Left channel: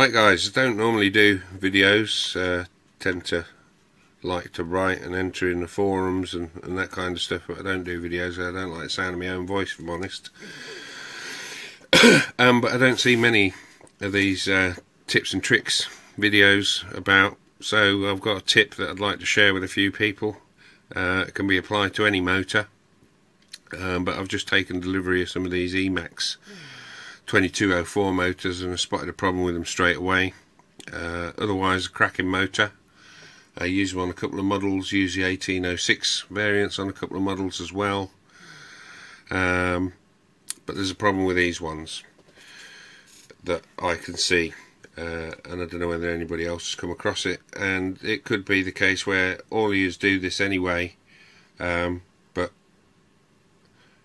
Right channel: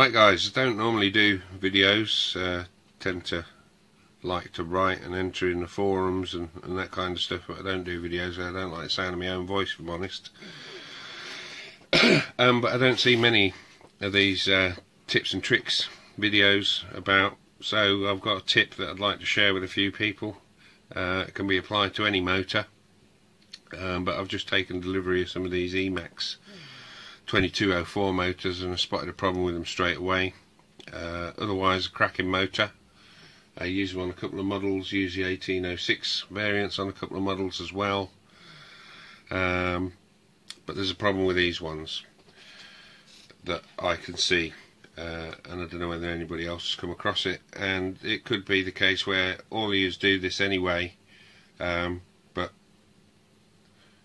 Right guys, I don't normally do videos, tend to like to write and enter in the forums and that kind of stuff, but I don't do videos. I don't like the sound of my own voice, if I'm honest. But I don't see many of these tips and tricks videos about, so I've got a tip that I'd like to share with a few people. It can be applied to any motor, but I've just taken delivery of some of these Emax 2204 motors and I spotted a problem with them straight away. Otherwise, a cracking motor. I use them on a couple of models, use the 1806 variants on a couple of models as well. But there's a problem with these ones that I can see, and I don't know whether anybody else has come across it. And it could be the case where all you do this anyway, but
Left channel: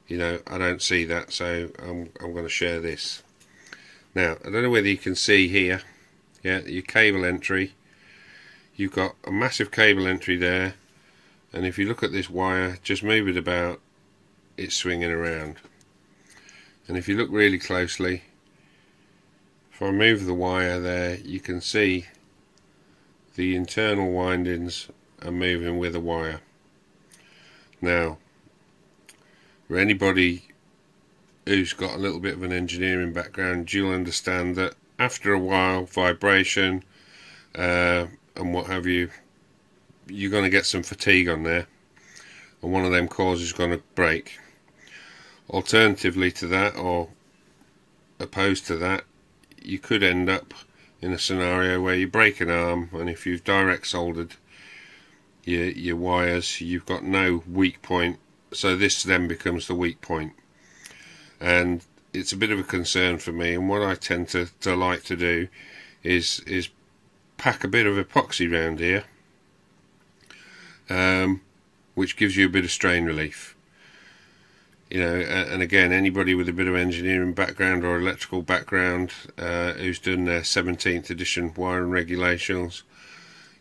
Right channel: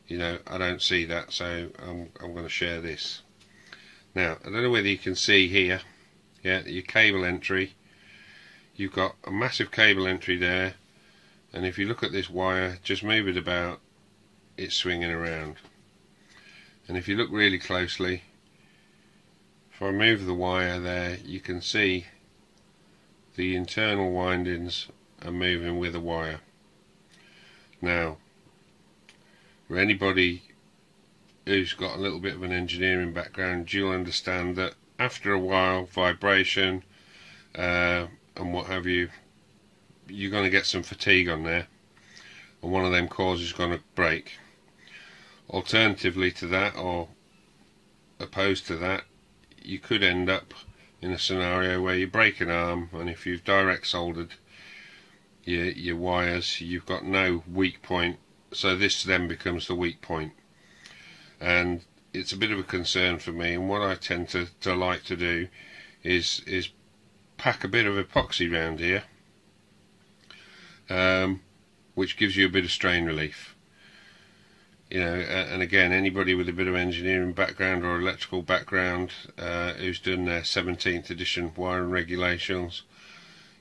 you know, I don't see that, so I'm going to share this. Now, I don't know whether you can see here, yeah, your cable entry. You've got a massive cable entry there, and if you look at this wire, just move it about, it's swinging around. And if you look really closely, if I move the wire there, you can see the internal windings are moving with the wire. Now, for anybody who's got a little bit of an engineering background, you'll understand that after a while, vibration and what have you, you're going to get some fatigue on there, and one of them cores is going to break. Alternatively to that, or opposed to that, you could end up in a scenario where you break an arm, and if you've direct soldered your wires, you've got no weak point, so this then becomes the weak point. And it's a bit of a concern for me, and what I tend to like to do is pack a bit of epoxy around here, which gives you a bit of strain relief. You know, and again, anybody with a bit of engineering background or electrical background who's done their 17th edition wiring regulations,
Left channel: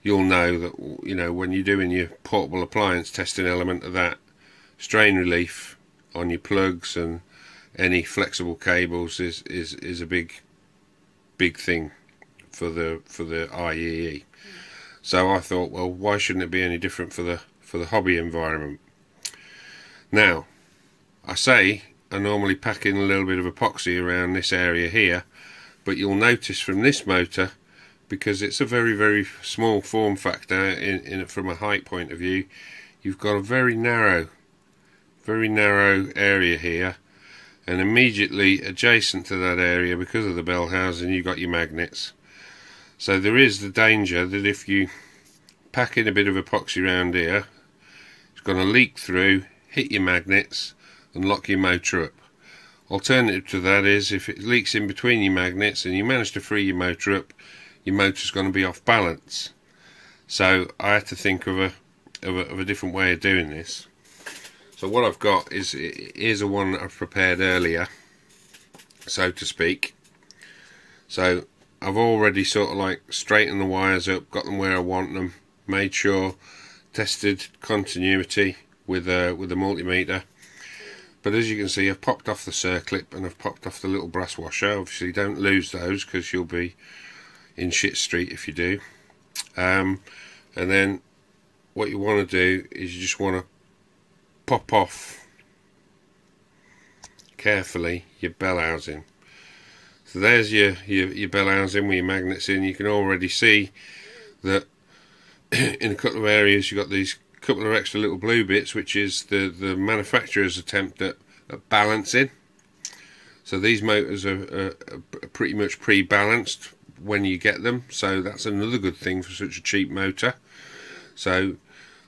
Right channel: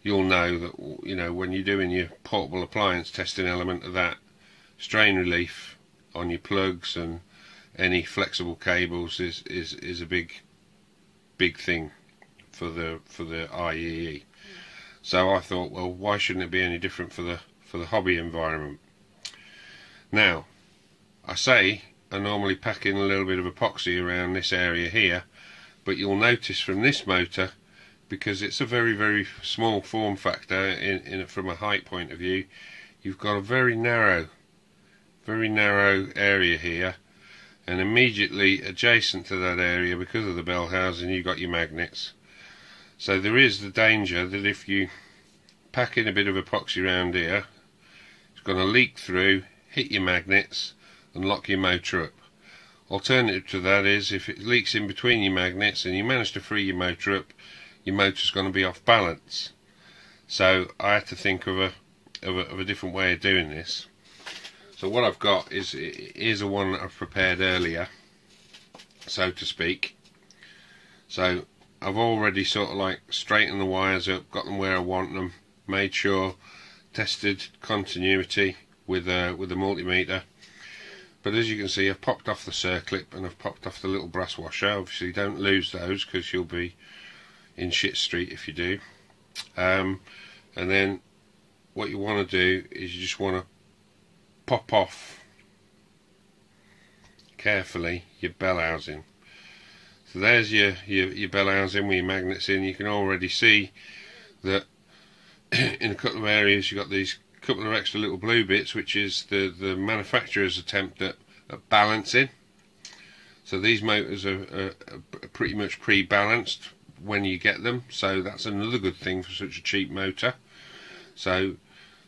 you'll know that, you know, when you're doing your portable appliance testing element of that, strain relief on your plugs and any flexible cables is a big thing for the IEE. So I thought, well, why shouldn't it be any different for the hobby environment? Now, I say I normally pack in a little bit of epoxy around this area here, but you'll notice from this motor, because it's a very small form factor in from a height point of view, you've got a very narrow area here, and immediately adjacent to that area, because of the bell housing, you've got your magnets. So there is the danger that if you pack in a bit of epoxy around here, it's going to leak through, hit your magnets and lock your motor up. Alternative to that is, if it leaks in between your magnets and you manage to free your motor up, your motor's going to be off balance. So I had to think of a different way of doing this. So what I've got is a one that I've prepared earlier, so to speak. So I've already sort of like straightened the wires up, got them where I want them, made sure, tested continuity with a multimeter. But as you can see, I've popped off the circlip and I've popped off the little brass washer. Obviously don't lose those, because you'll be in shit street if you do. And then what you want to do is you just want to pop off carefully your bell housing. So there's your bell housing with your magnets in. You can already see that in a couple of areas you've got these couple of extra little blue bits, which is the manufacturer's attempt at balancing. So these motors are pretty much pre-balanced when you get them, so that's another good thing for such a cheap motor. So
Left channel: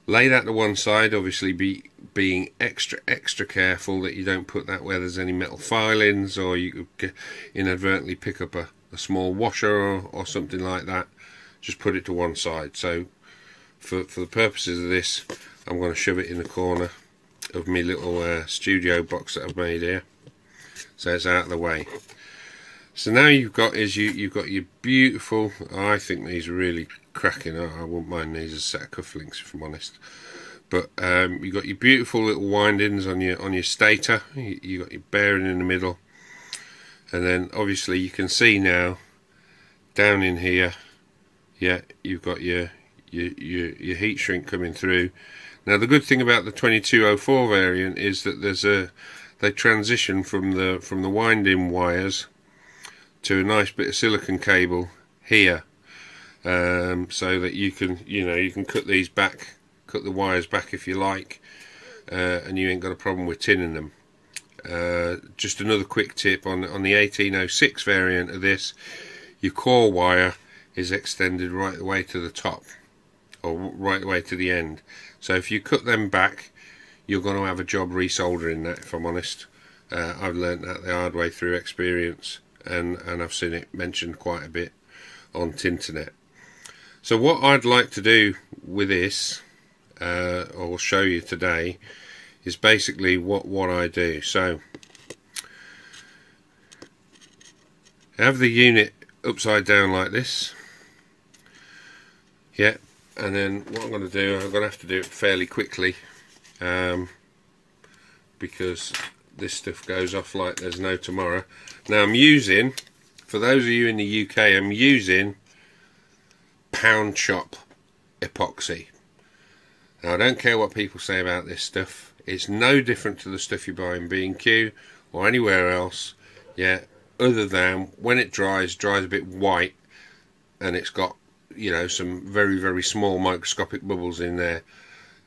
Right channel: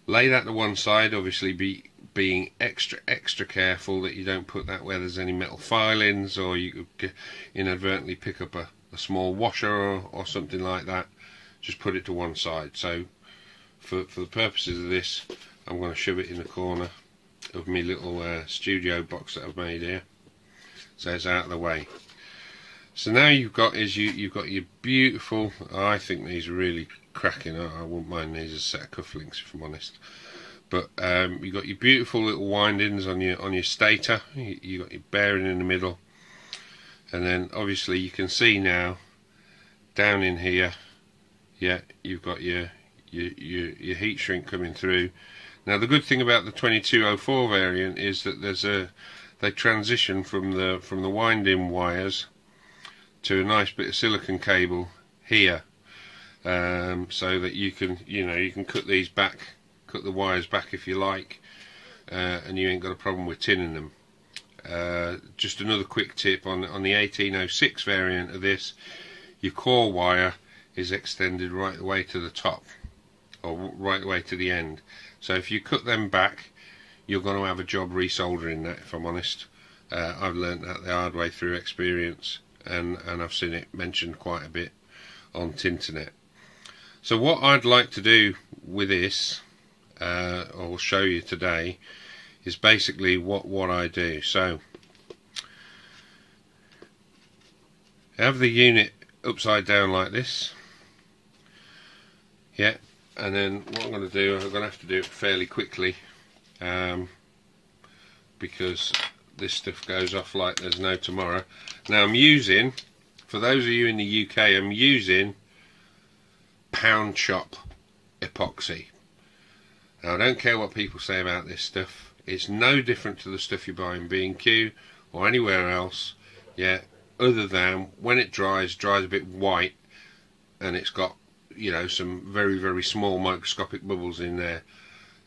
lay that to one side, obviously being extra careful that you don't put that where there's any metal filings, or you could inadvertently pick up a small washer or something like that. Just put it to one side. So for the purposes of this, I'm going to shove it in the corner of my little studio box that I've made here, so it's out of the way. So now you've got your beautiful, I think these are really cracking. I wouldn't mind these as a set of cufflinks, if I'm honest. But you've got your beautiful little windings on your stator. You've got your bearing in the middle, and then obviously you can see now down in here, yeah, you've got your heat shrink coming through. Now the good thing about the 2204 variant is that they transition from the winding wires to a nice bit of silicon cable here, so that you can cut these back, cut the wires back if you like, and you ain't got a problem with tinning them. Just another quick tip on the 1806 variant of this, your core wire is extended right the way to the top, or right the way to the end. So if you cut them back, you're going to have a job resoldering that, if I'm honest. I've learnt that the hard way through experience, and I've seen it mentioned quite a bit on Tinternet. So what I'd like to do with this, or show you today, is basically what I do. So I have the unit upside down like this, yeah, and then what I'm going to do, I'm going to have to do it fairly quickly, because this stuff goes off like there's no tomorrow. Now I'm using, for those of you in the UK, I'm using Pound Shop epoxy. Now I don't care what people say about this stuff, it's no different to the stuff you buy in B&Q or anywhere else, yeah, other than when it dries a bit white, and it's got, you know, some very, very small microscopic bubbles in there.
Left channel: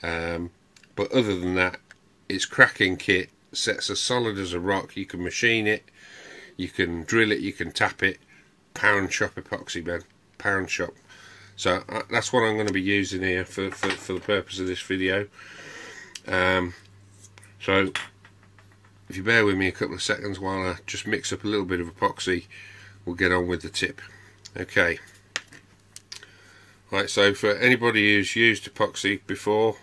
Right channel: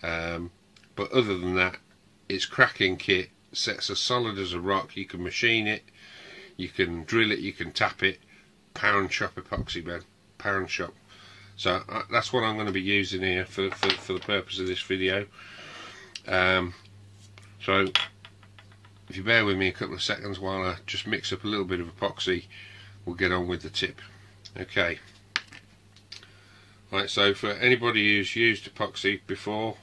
But other than that, it's cracking kit, sets as solid as a rock. You can machine it, you can drill it, you can tap it. Pound Shop epoxy, man, Pound Shop. So that's what I'm going to be using here for the purpose of this video. So if you bear with me a couple of seconds while I just mix up a little bit of epoxy, we'll get on with the tip. Okay. Right, so for anybody who's used epoxy before,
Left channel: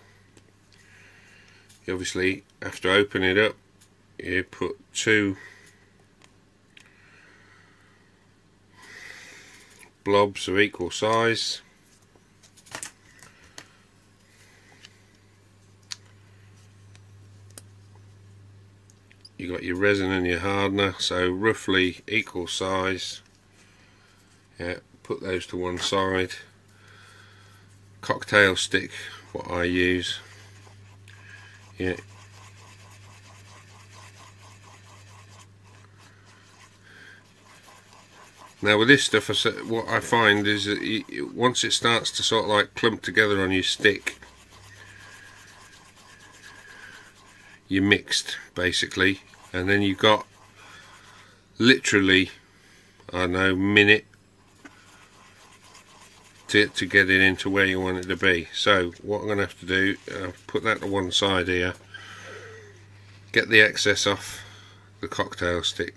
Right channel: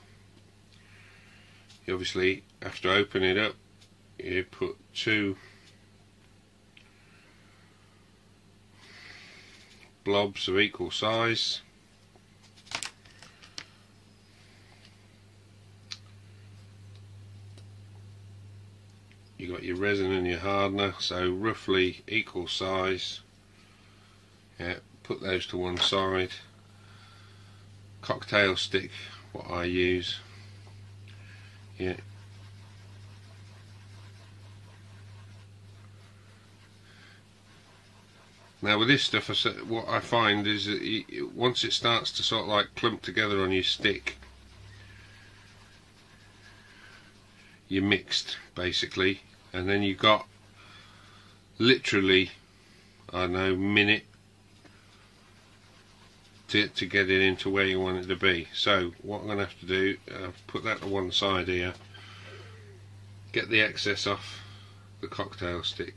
you obviously have to open it up. You put 2 blobs of equal size. You got your resin and your hardener, so roughly equal size. Yeah, put those to one side. Cocktail stick, what I use. Yeah. Now with this stuff, what I find is that once it starts to sort of like clump together on your stick, you're mixed basically, and then you've got literally, I don't know, minute to get it into where you want it to be. So what I'm going to have to do, put that to one side here, get the excess off the cocktail stick,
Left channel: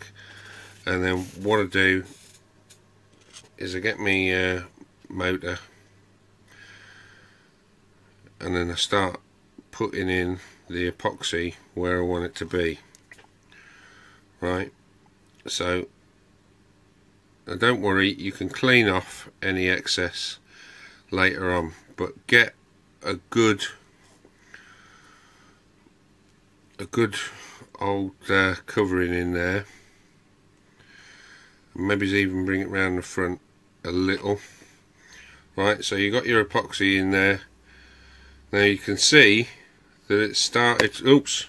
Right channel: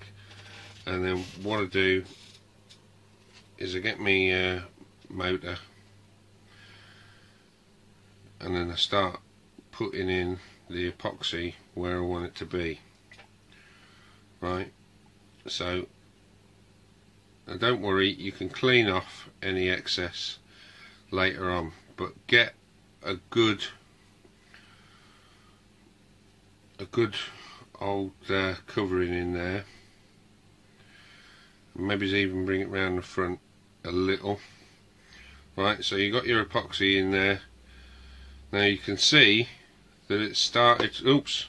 and then what I do is I get my motor, and then I start putting in the epoxy where I want it to be. Right, so now don't worry, you can clean off any excess later on, but get a good old covering in there. Maybe even bring it round the front a little. Right, so you got your epoxy in there. Now you can see that it's started, oops,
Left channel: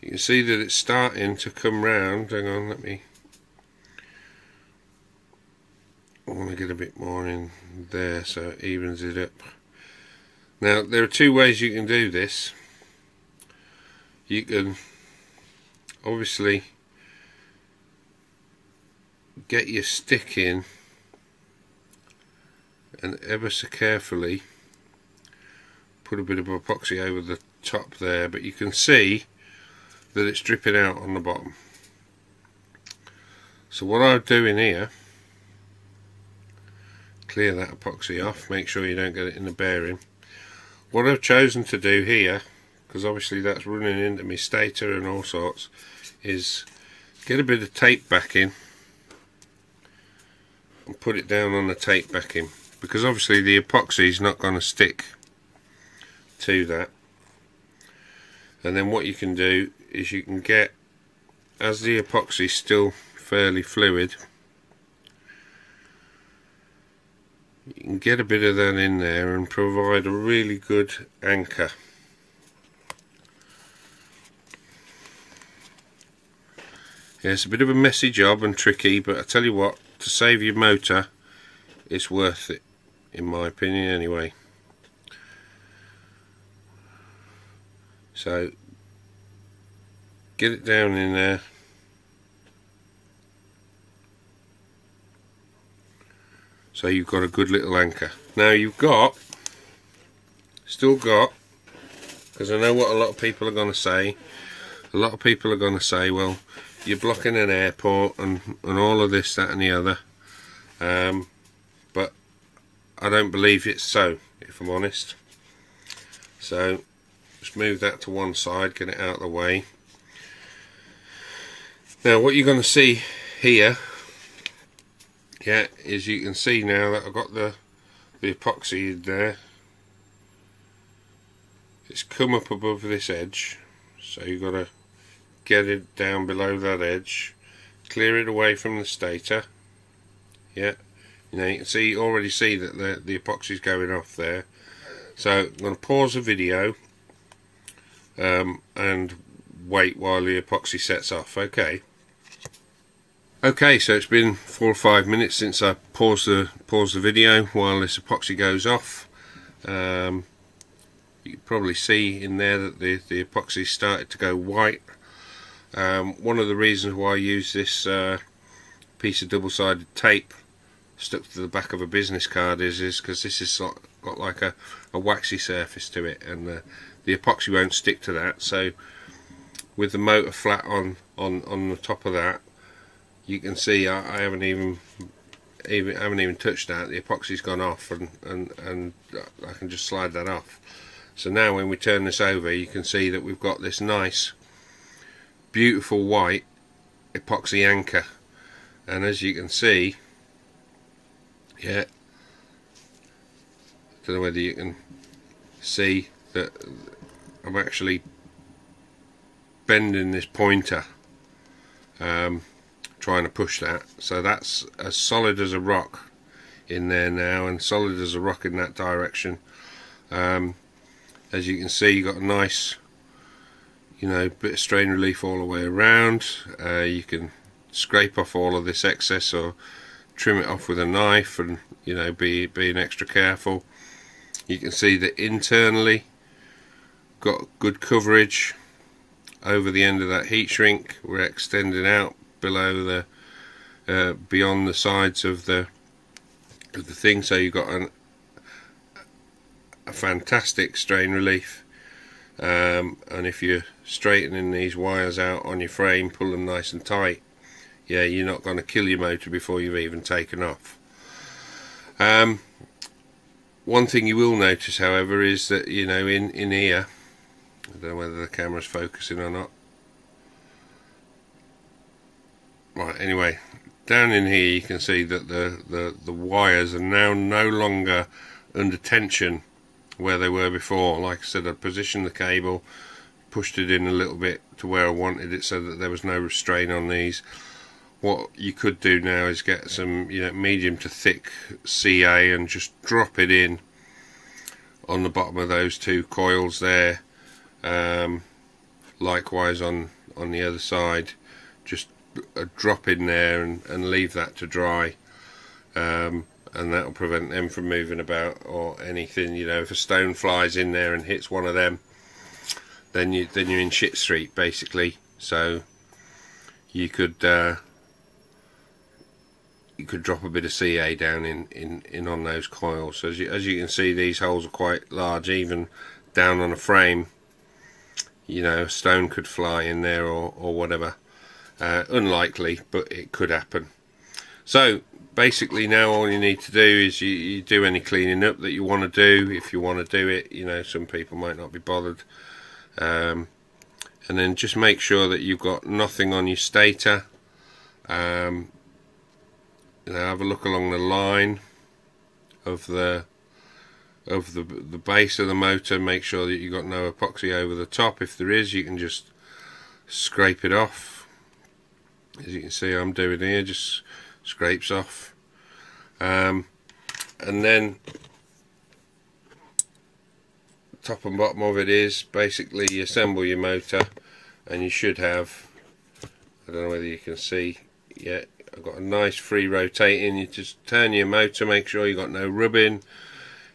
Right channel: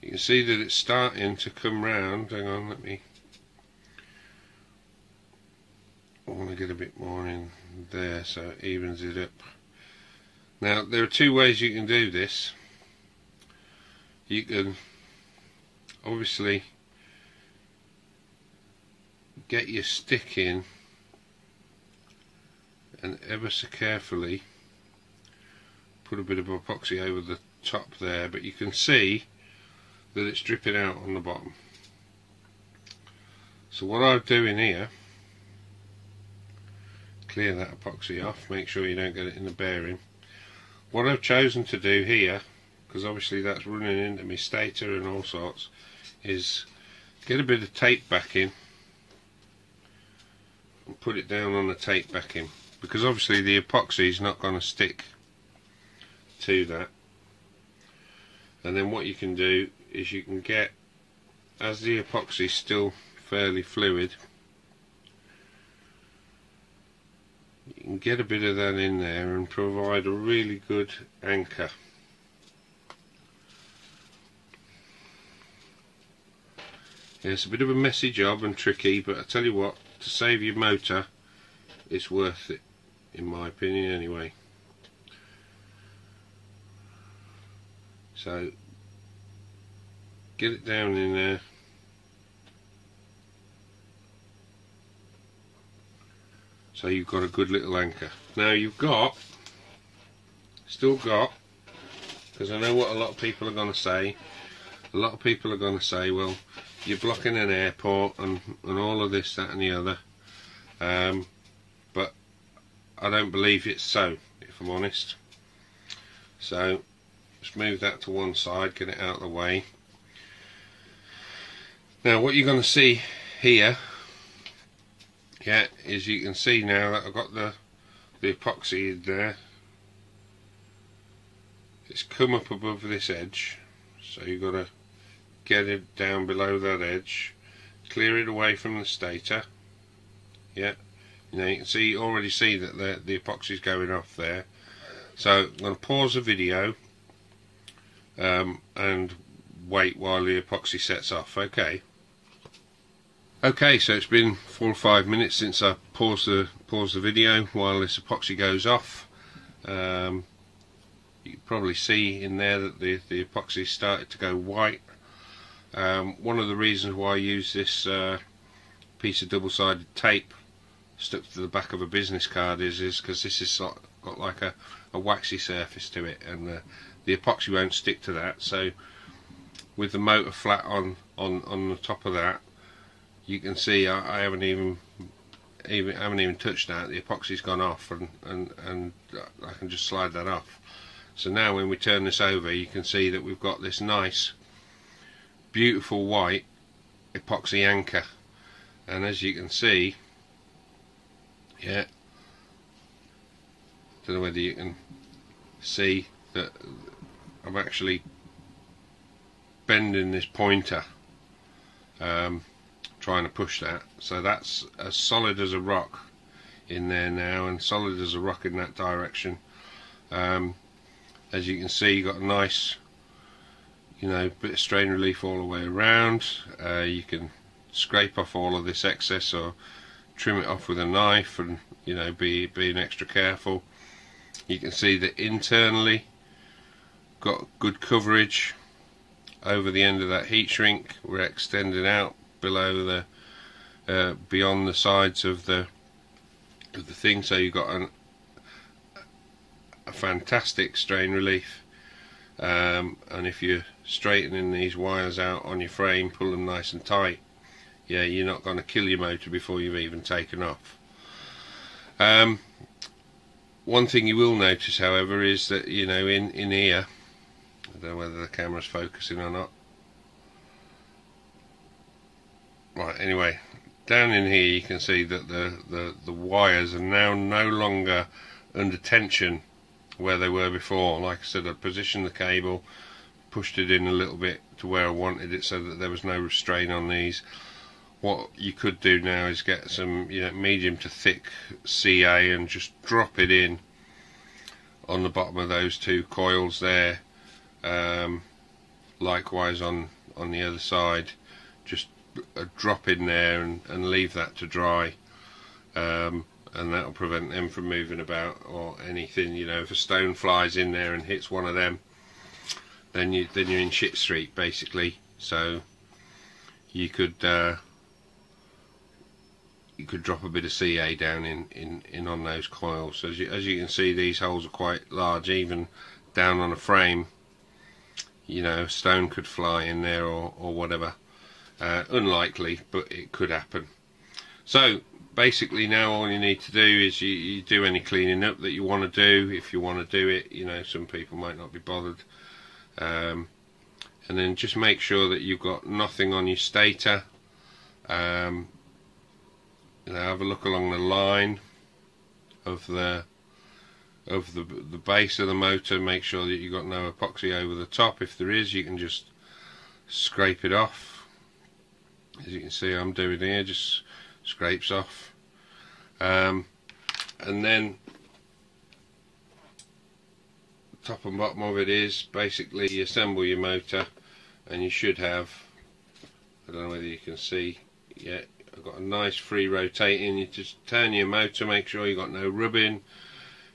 you can see that it's starting to come round. Hang on, I want to get a bit more in there so it evens it up. Now there are 2 ways you can do this. You can obviously get your stick in and ever so carefully put a bit of epoxy over the top there, but you can see that it's dripping out on the bottom. So what I'll do in here, clear that epoxy off, make sure you don't get it in the bearing. What I've chosen to do here, because obviously that's running into my stator and all sorts, is get a bit of tape backing and put it down on the tape backing, because obviously the epoxy is not going to stick to that. And then what you can do is you can get, as the epoxy is still fairly fluid, you can get a bit of that in there and provide a really good anchor. Yeah, it's a bit of a messy job and tricky, but I tell you what, to save your motor, it's worth it, in my opinion anyway. So get it down in there. So you've got a good little anchor. Now you've still got, because I know what a lot of people are going to say. A lot of people are going to say, well, you're blocking an airport and all of this, that and the other. But I don't believe it's so, if I'm honest. So just move that to one side, get it out of the way. Now what you're going to see here, yeah, is you can see now that I've got the epoxy in there. It's come up above this edge, so you've got to get it down below that edge, clear it away from the stator. Yeah, you know, you can see, already see that the epoxy's going off there. So I'm going to pause the video and wait while the epoxy sets off. Okay, so it's been 4 or 5 minutes since I paused the video while this epoxy goes off. You can probably see in there that the epoxy started to go white. One of the reasons why I use this piece of double-sided tape stuck to the back of a business card is because this has got like a waxy surface to it, and the epoxy won't stick to that. So with the motor flat on the top of that, you can see I haven't even touched that. The epoxy's gone off, and I can just slide that off. So now when we turn this over, you can see that we've got this nice, beautiful white epoxy anchor. And as you can see, yeah, don't know whether you can see that I'm actually bending this pointer, trying to push that, so that's as solid as a rock in there now, and solid as a rock in that direction. As you can see, you've got a nice, you know, bit of strain relief all the way around. You can scrape off all of this excess or trim it off with a knife, and you know, being extra careful. You can see that internally got good coverage over the end of that heat shrink. We're extending out below the beyond the sides of the thing, so you've got a fantastic strain relief. And if you're straightening these wires out on your frame, pull them nice and tight, yeah, you're not going to kill your motor before you've even taken off. One thing you will notice, however, is that, you know, in here, I don't know whether the camera's focusing or not. Right, anyway, down in here you can see that the wires are now no longer under tension where they were before. Like I said, I positioned the cable, pushed it in a little bit to where I wanted it so that there was no restraint on these. What you could do now is get some, you know, medium to thick CA and just drop it in on the bottom of those two coils there. Likewise on the other side, just a drop in there and leave that to dry, and that will prevent them from moving about or anything. You know, if a stone flies in there and hits one of them, then you're in shit street basically. So you could drop a bit of CA down in on those coils. So as you can see, these holes are quite large, even down on a frame. You know, a stone could fly in there or whatever. Unlikely, but it could happen. So basically now all you need to do is you do any cleaning up that you want to do, if you want to do it. You know, some people might not be bothered. And then just make sure that you've got nothing on your stator. You know, have a look along the line of the base of the motor. Make sure that you've got no epoxy over the top. If there is, you can just scrape it off. As you can see I'm doing here, just scrapes off. And and then top and bottom of it is basically you assemble your motor, and you should have, I don't know whether you can see yet, I've got a nice free rotating. You just turn your motor, make sure you got no rubbing,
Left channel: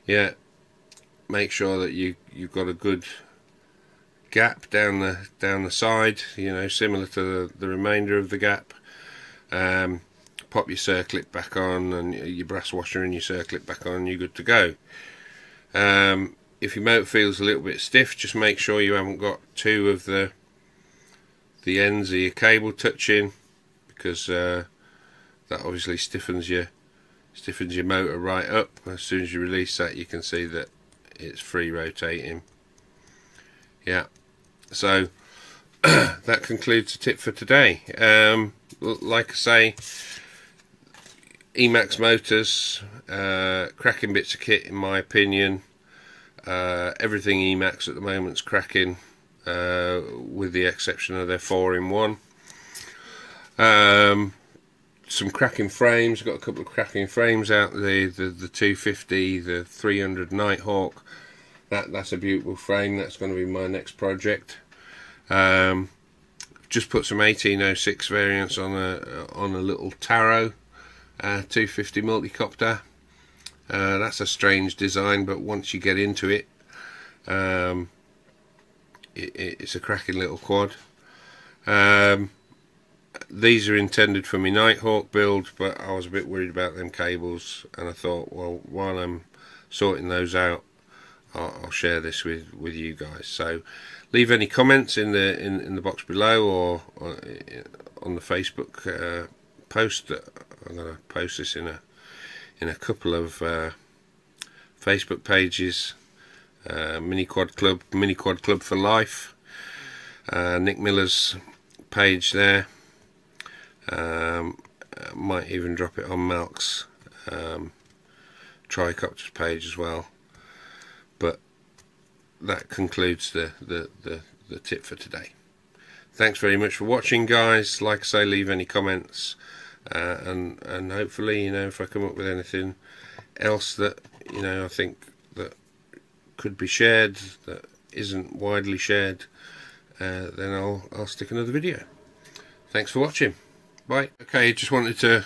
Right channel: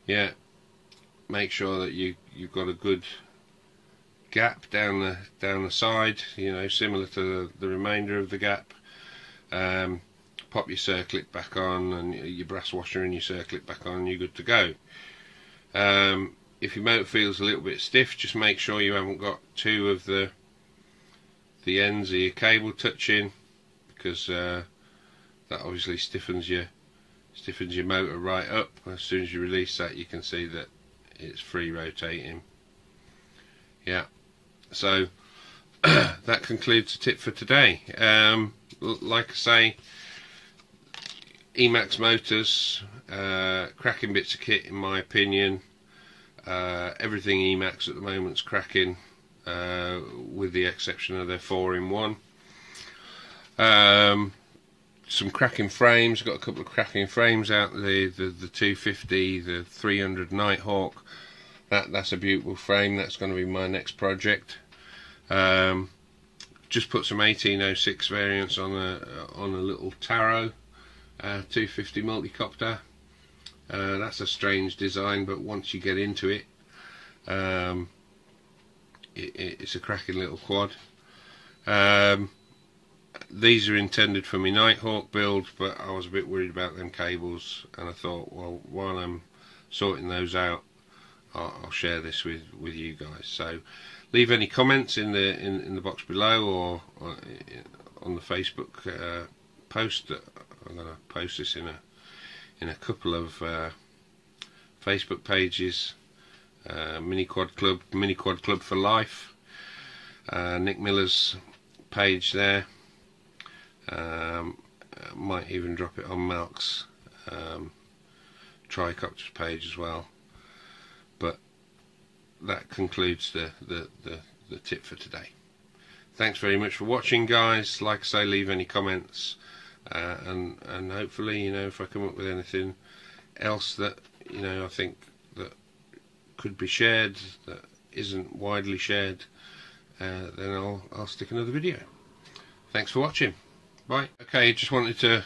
yeah, make sure that you've got a good gap down the side, you know, similar to the remainder of the gap. Pop your circlip back on, and your brass washer and your circlip back on, you're good to go. If your motor feels a little bit stiff, just make sure you haven't got two of the ends of your cable touching, because that obviously stiffens your motor right up. As soon as you release that, you can see that it's free rotating. Yeah, so that concludes the tip for today. Like I say, Emax motors, cracking bits of kit in my opinion. Everything Emax at the moment's cracking, with the exception of their 4-in-1. Some cracking frames. Got a couple of cracking frames out. The 250, the 300 Nighthawk. That's a beautiful frame. That's going to be my next project. Just put some 1806 variants on a little Taro 250 multicopter. That's a strange design, but once you get into it, it's a cracking little quad. These are intended for my Nighthawk build, but I was a bit worried about them cables, and I thought, well, while I'm sorting those out, I'll share this with you guys. So leave any comments in the box below, or on the Facebook post. That I'm going to post this in a couple of Facebook pages. Mini Quad Club for Life, Nick Miller's page there. Might even drop it on Malk's Tricopters page as well. But that concludes the tip for today. Thanks very much for watching, guys. Like I say, leave any comments, and hopefully, you know, if I come up with anything else that, you know, I think that could be shared, that isn't widely shared, then I'll stick another video. Thanks for watching. Bye. Okay, just wanted to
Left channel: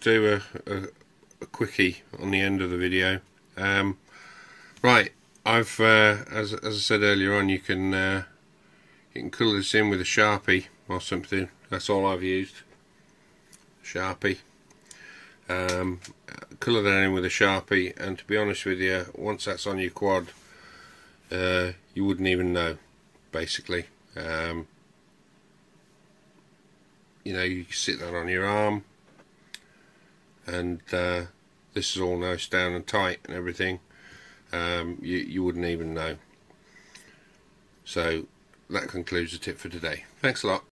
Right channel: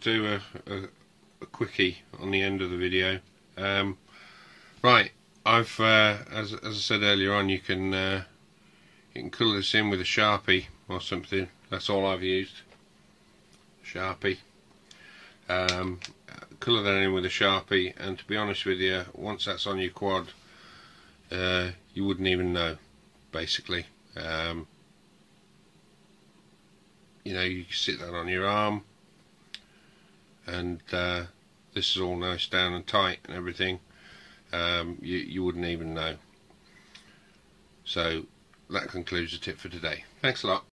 do a quickie on the end of the video. Right, I've as I said earlier on, you can colour this in with a Sharpie or something. That's all I've used. Sharpie. Colour that in with a Sharpie, and to be honest with you, once that's on your quad, you wouldn't even know, basically. You know, you can sit that on your arm, and this is all nice down and tight and everything. You wouldn't even know. So that concludes the tip for today. Thanks a lot.